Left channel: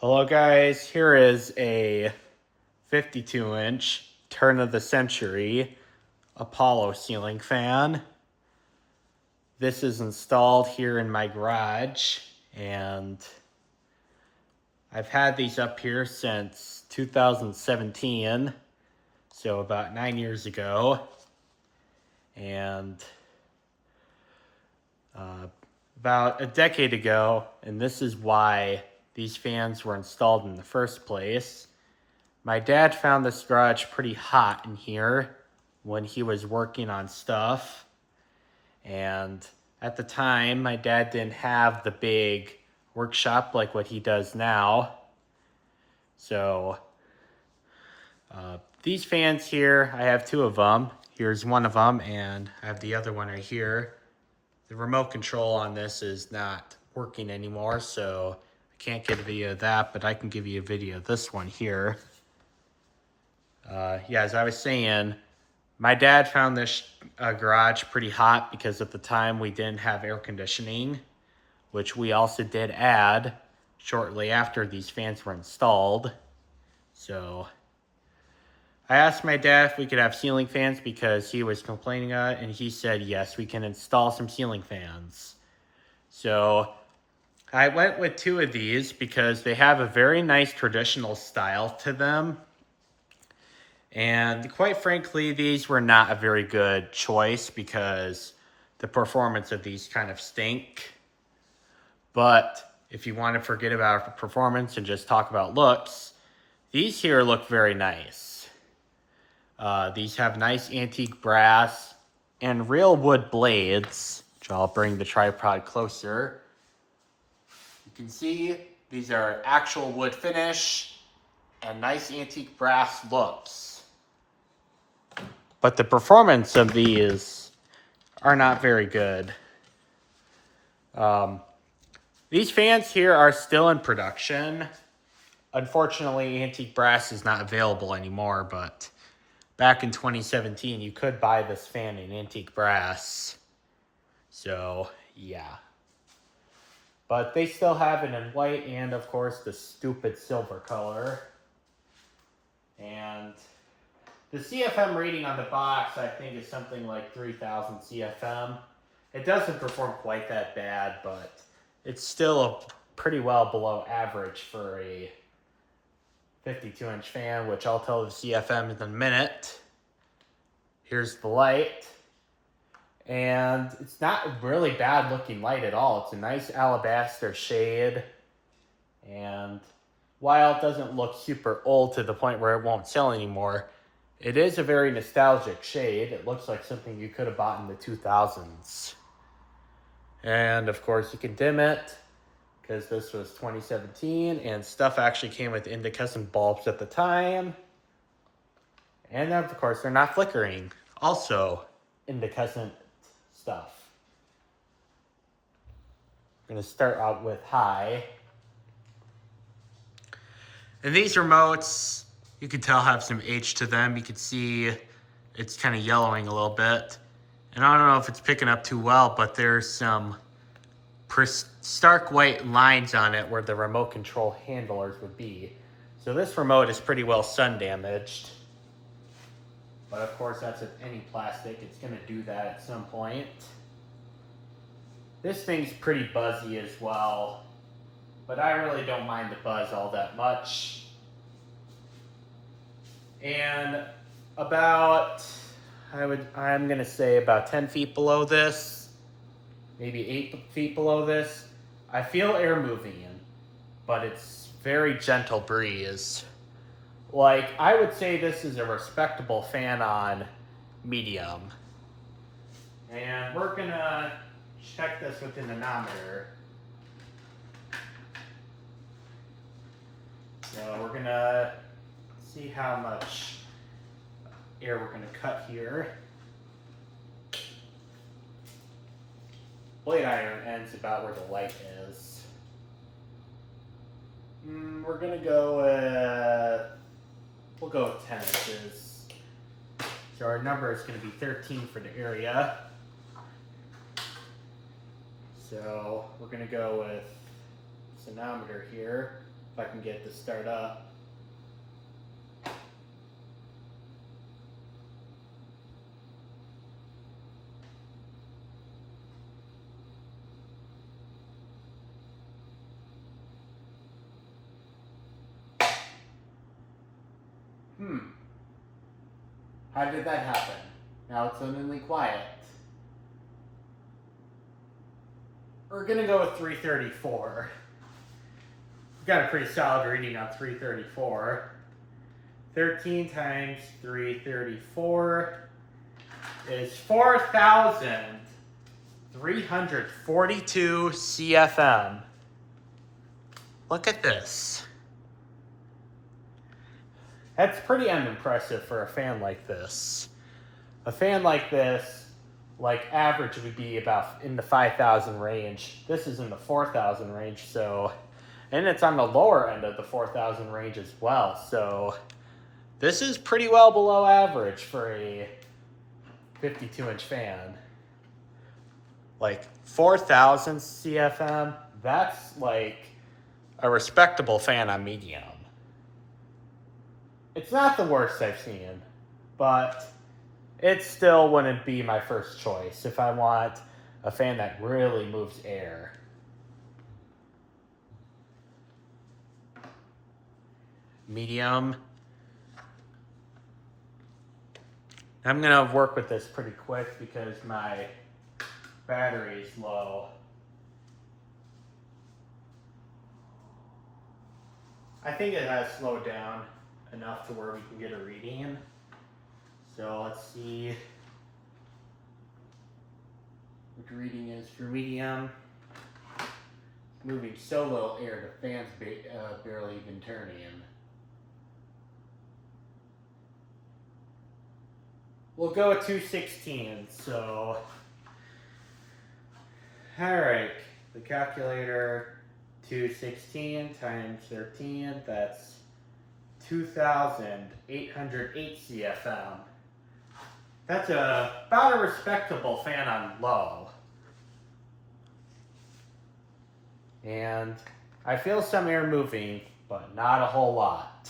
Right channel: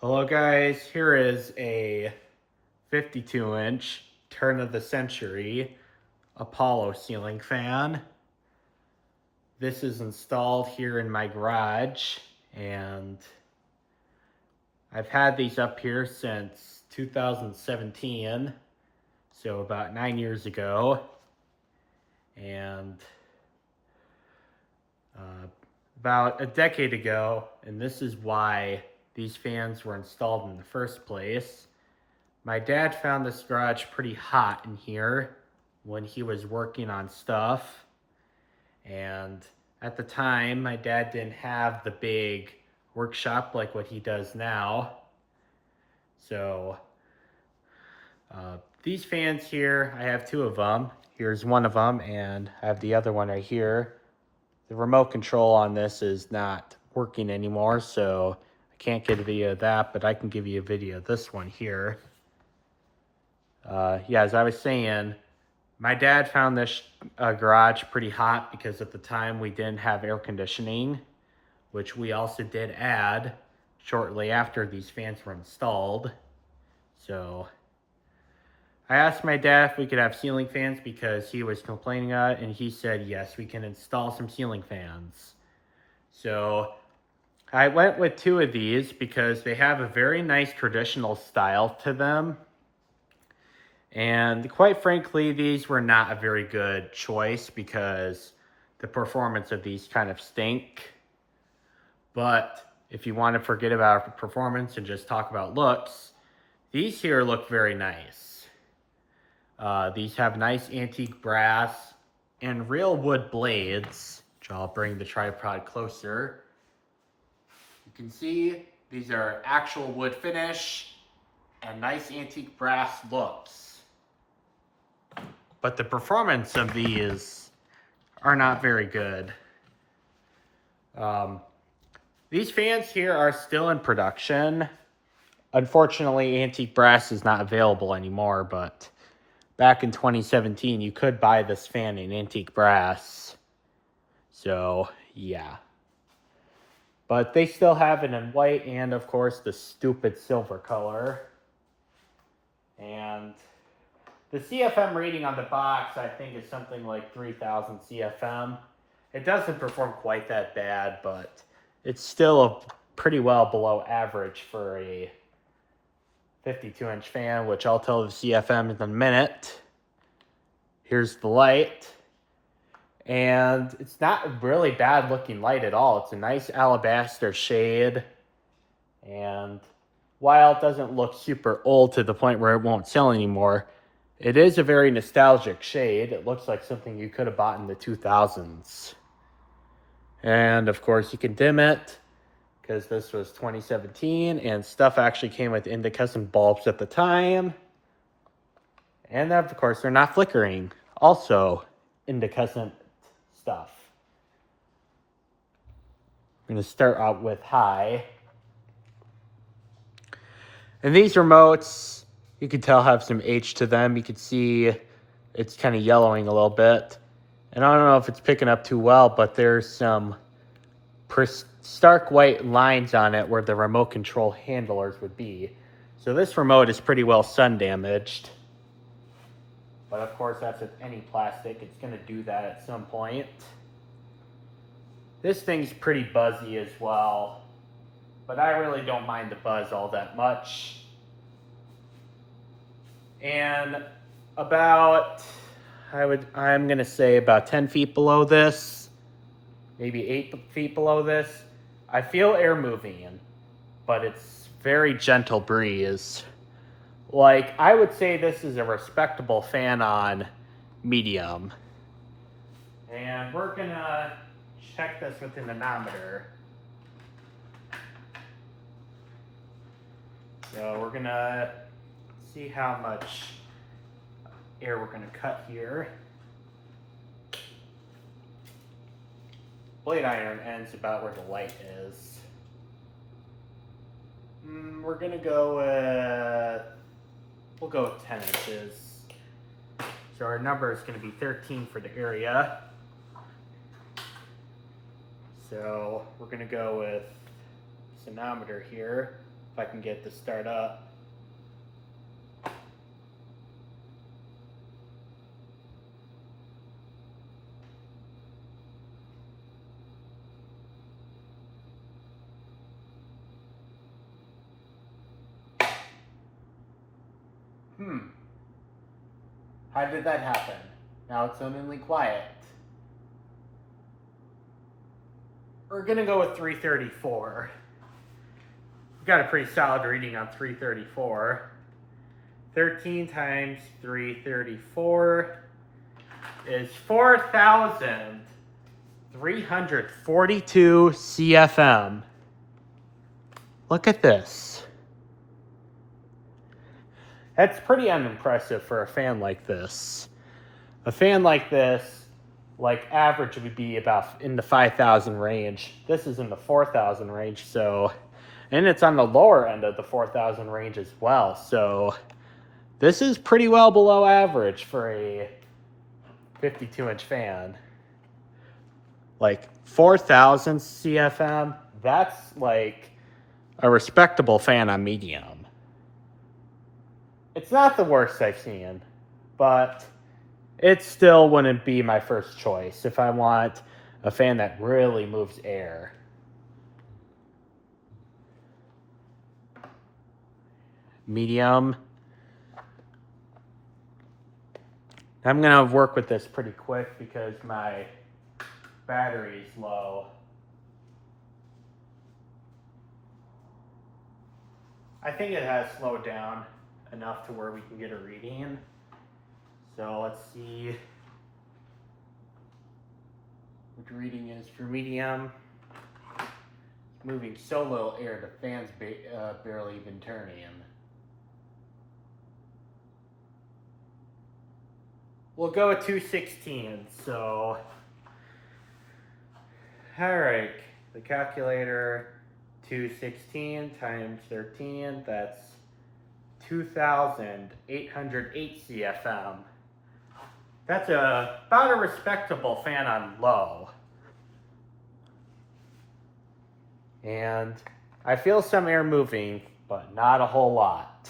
Hello guys, here is a 52-inch turn of the century Apollo ceiling fan. This is installed here in my garage and I've had these up here since 2017, so about 9 years ago. And about a decade ago, and this is why these fans were installed in the first place. My dad found this garage pretty hot in here when he was working on stuff. And at the time, my dad didn't have the big workshop like what he does now. So these fans here, I have two of them. Here's one of them, and I have the other one right here. The remote control on this is not working anymore, so I can't get a video of that, but I can give you a video of this one here. Yeah, as I was saying, my dad found this garage pretty hot because at the time we didn't have air conditioning, which we also did add shortly after these fans were installed. So I asked my dad if we could have ceiling fans because he was complaining about it, and he said, yes, we can install some ceiling fans. So I went with two of these because they have a very nice traditional style to them. And quite frankly, these were not a very good choice because the performance of these kind of stink. But if you want to forget about performance and just talk about looks, these here look very nice. These have nice antique brass and real wood blades, which I'll bring the tripod closer. You can see these are actual wood finish and nice antique brass looks. But the performance of these are not very good. These fans here are still in production. Unfortunately, antique brass is not available anymore, but back in 2017, you could buy this fan in antique brass. So, yeah. But they still have it in white and, of course, the stupid silver color. And the CFM rating on the box, I think, is something like 3,000 CFM. It doesn't perform quite that bad, but it's still pretty well below average for a 52-inch fan, which I'll tell the CFM in a minute. Here's the light. And it's not a really bad looking light at all. It's a nice alabaster shade. And while it doesn't look super old to the point where it won't sell anymore, it is a very nostalgic shade. It looks like something you could have bought in the 2000s. And of course you can dim it because this was 2017 and stuff actually came with incandescent bulbs at the time. And of course they're not flickering. Also incandescent stuff. I'm going to start out with high. And these remotes, you can tell have some age to them. You can see it's kind of yellowing a little bit. And I don't know if it's picking up too well, but there's some stark white lines on it where the remote control handlers would be. So this remote is pretty well sun damaged. But of course, that's any plastic. It's going to do that at some point. This thing's pretty buzzy as well, but I really don't mind the buzz all that much. And about, I'm gonna say about 10 feet below this, maybe 8 feet below this, I feel air moving, but it's very gentle breeze. Like, I would say this is a respectable fan on medium. And we're gonna check this with an anemometer. So we're gonna see how much air we're gonna cut here. Blade iron ends about where the light is. We're gonna go with, we'll go with 10 inches. So our number is gonna be 13 for the area. So we're gonna go with this anemometer here. If I can get this start up. How did that happen? Now it's suddenly quiet. We're gonna go with 334. We've got a pretty solid reading on 334. 13 times 334 is 4,342 CFM. Look at this. That's pretty unimpressive for a fan like this. A fan like this, like average would be about in the 5,000 range. This is in the 4,000 range, so, and it's on the lower end of the 4,000 range as well. So this is pretty well below average for a 52-inch fan. Like 4,000 CFM, that's like a respectable fan on medium. It's not the worst I've seen, but it still wouldn't be my first choice if I want a fan that really moves air. Medium. I'm going to work with this pretty quick because my battery is low. I think it has slowed down enough to where we can get a reading. So let's see what the reading is for medium. Moving so little air, the fan's barely even turning. We'll go with 216. So, all right, the calculator, 216 times 13, that's 2,808 CFM. That's about a respectable fan on low. And I feel some air moving, but not a whole lot.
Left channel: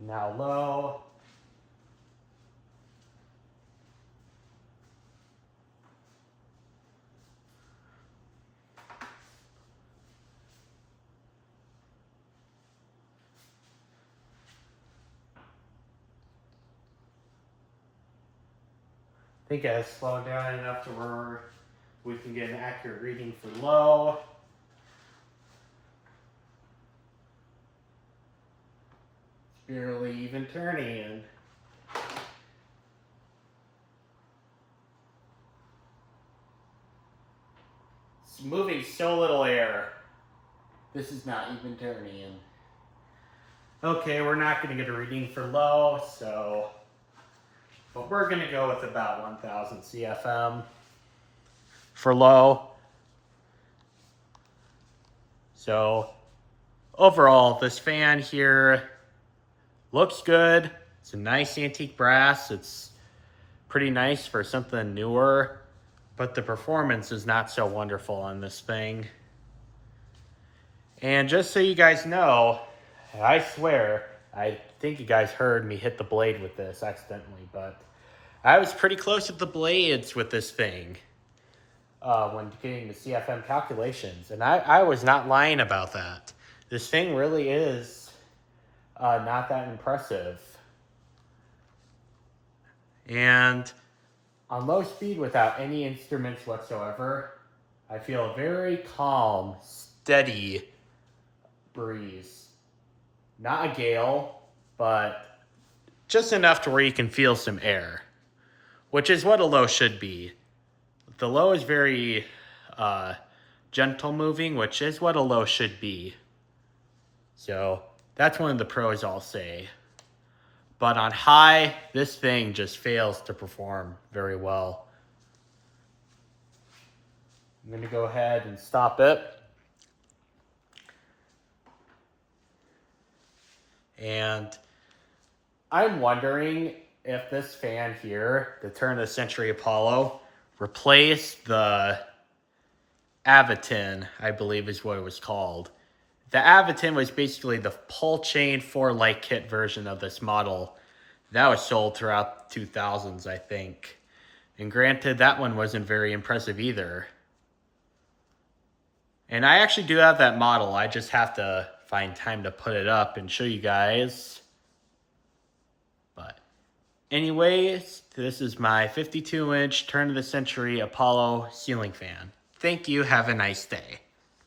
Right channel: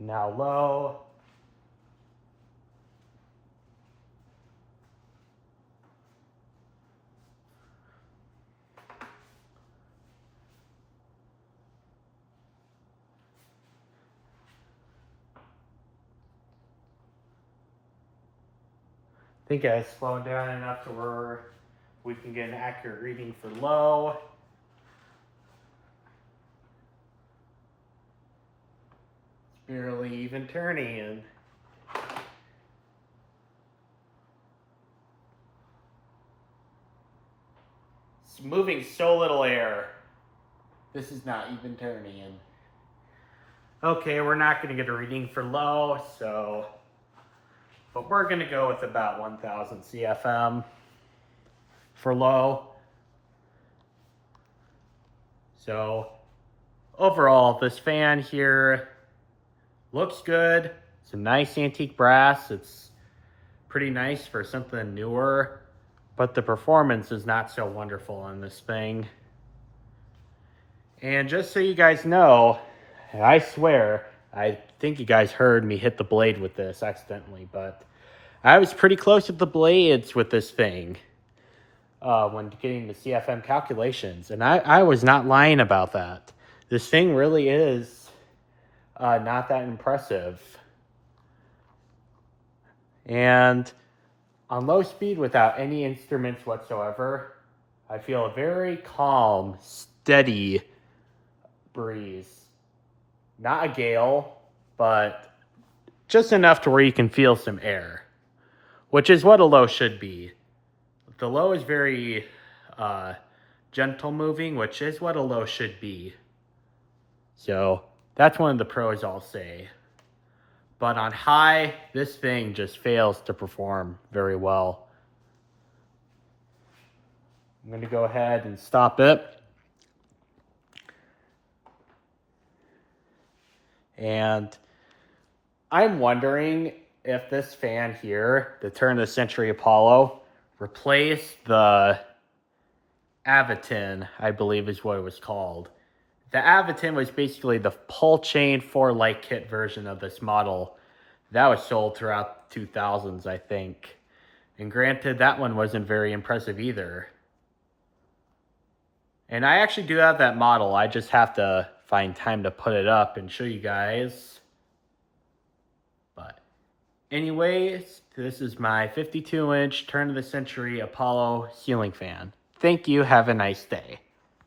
Now low. I think it has slowed down enough to where we can get an accurate reading for low. It's barely even turning. It's moving so little air. This is not even turning. Okay, we're not going to get a reading for low, so, but we're going to go with about 1,000 CFM for low. So overall, this fan here looks good. It's a nice antique brass. It's pretty nice for something newer, but the performance is not so wonderful on this thing. And just so you guys know, and I swear, I think you guys heard me hit the blade with this accidentally, but I was pretty close with the blades with this thing when getting the CFM calculations. And I was not lying about that. This thing really is not that impressive. And on low speed without any instruments whatsoever, I feel a very calm, steady breeze. Not a gale, but just enough to where you can feel some air, which is what a low should be. The low is very gentle moving, which is what a low should be. So that's one of the pros I'll say. But on high, this thing just fails to perform very well. I'm going to go ahead and stop it. And I'm wondering if this fan here, the turn of the century Apollo, replaced the Aviton, I believe is what it was called. The Aviton was basically the pull chain for light kit version of this model. That was sold throughout the 2000s, I think. And granted, that one wasn't very impressive either. And I actually do have that model. I just have to find time to put it up and show you guys. But anyways, this is my 52-inch turn of the century Apollo ceiling fan. Thank you. Have a nice day.